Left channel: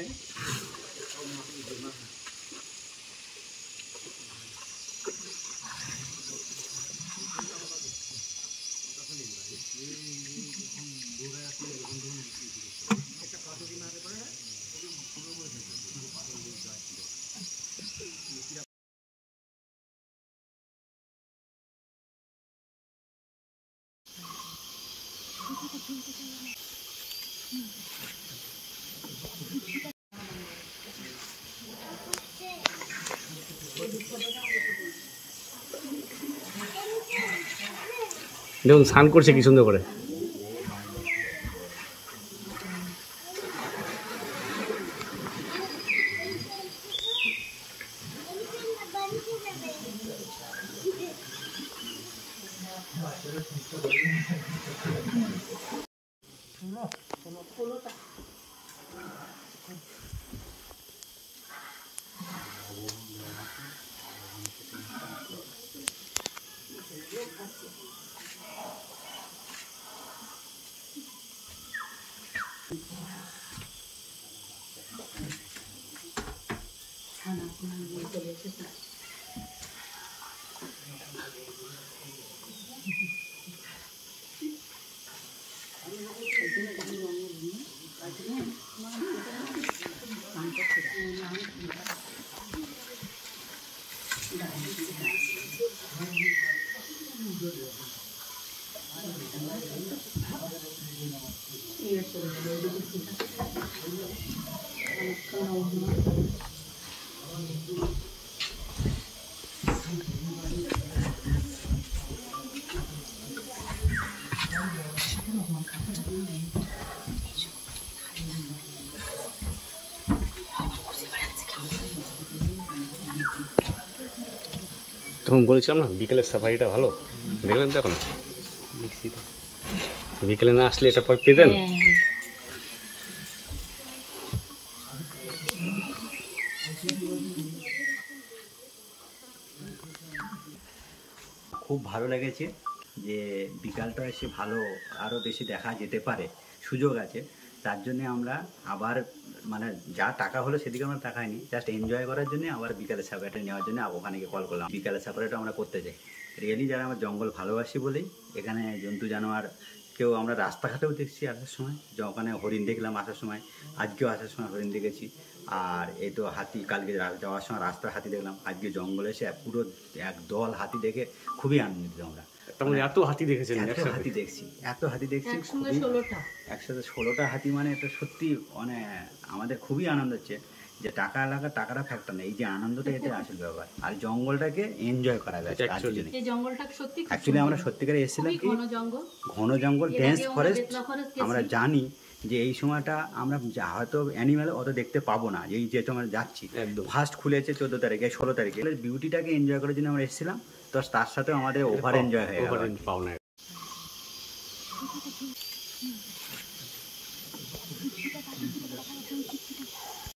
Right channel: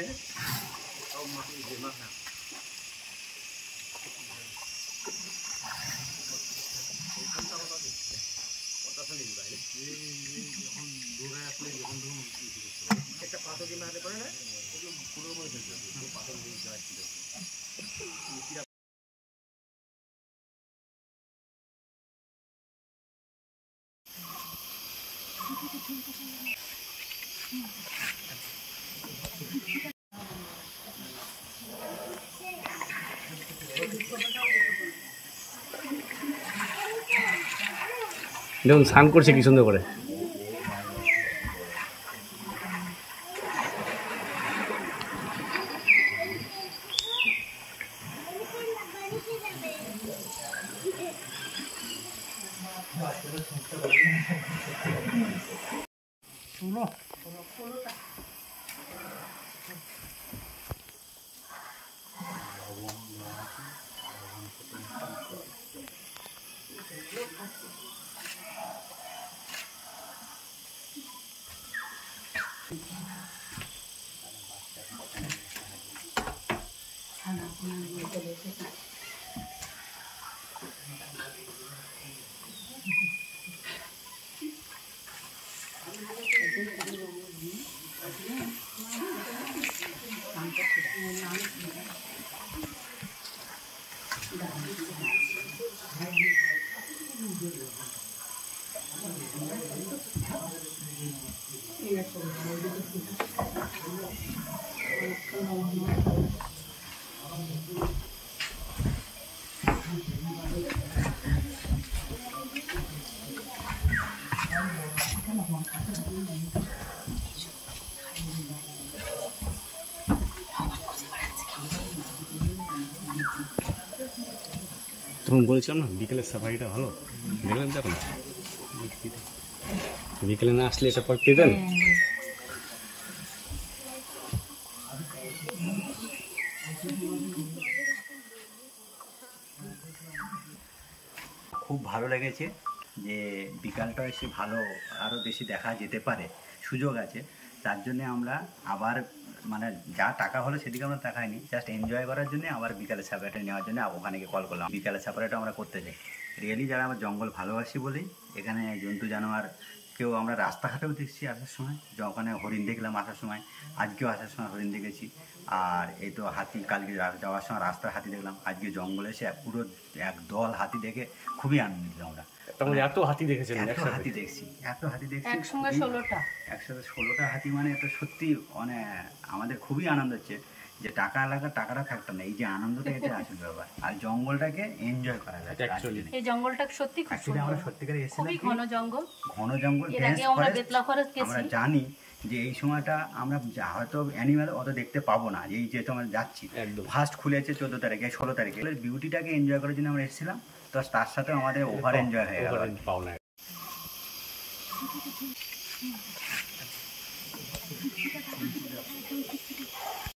আছে। দেখুন স্নান করছে কি সুন্দর করে। তখন বলেছিলাম না বিকেলের সাফারিটা ভালো, দেখলেন তো এখন বিকেলে না আসলে এটা পর পেতেন। খুব ভালো লেগেছে যে বিকালটা এসে ভালো আরও বেশি দেখা যেতে পারে, সুযোগ আছে। তার জন্যে আমরা আবার মানে যা টাকা হলো সেদিকে আমরা তাকাইনি, জাস্ট এনজয় করার জন্য আবার বিকালের সাফারিটা নেওয়ার জন্য ওখানে গিয়ে কল করলাম। বিকালের সাফারিটা আমরা করতে চাই রিয়েলি, যারা আমরা জঙ্গল ভালোবাসি বলেই এখানে জন্তু জানোয়ার কেউ আমরা রাস্তাঘাটেও দেখছি আসার সময়, যে ওখানে হরিণ দেখলাম আসার সময়, আজকেও আসার সময় হরিণ দেখেছি। আর এই তো হাতি, কালকে যাওয়ার সময় রাস্তার হাতি দেখলাম, আজকে জঙ্গলে এসে পুরো এক দল হাতি দেখে খুবই আনন্দিত আমরা। এত হাতি দেখেছেন? এত হাতি দেখছি একসাথে 16টা হাতি, মানে এটা সত্যি মানে আমাদের খুবই আনন্দ হচ্ছে যে টাকাটা ফ্যাক্টর না, এই যে আনন্দটা এটা আসল ব্যাপার। আর জঙ্গলটাকে এনজয় করা যায় অ্যাকচুয়ালি। এই জঙ্গলটা সত্যি খুব অ্যাকচুয়ালি আমরা সত্যিকারে এসেছিলাম ঘন জঙ্গল ডেন্স ফরেস্ট। আমরা জানি যে এই সময়টা আমরা হয়তো অ্যানিম্যাল অত দেখতে পাবো না, এই যে আমরা যাচ্ছি ফার্স্ট খুলেছে 14 তারিখে 16 তারিখে, বিউটিটাকে এনজয় করার জন্য আমরা এসেছিলাম। তো তার সাথে আমাদের ওভার এনজয় হয়ে গেল।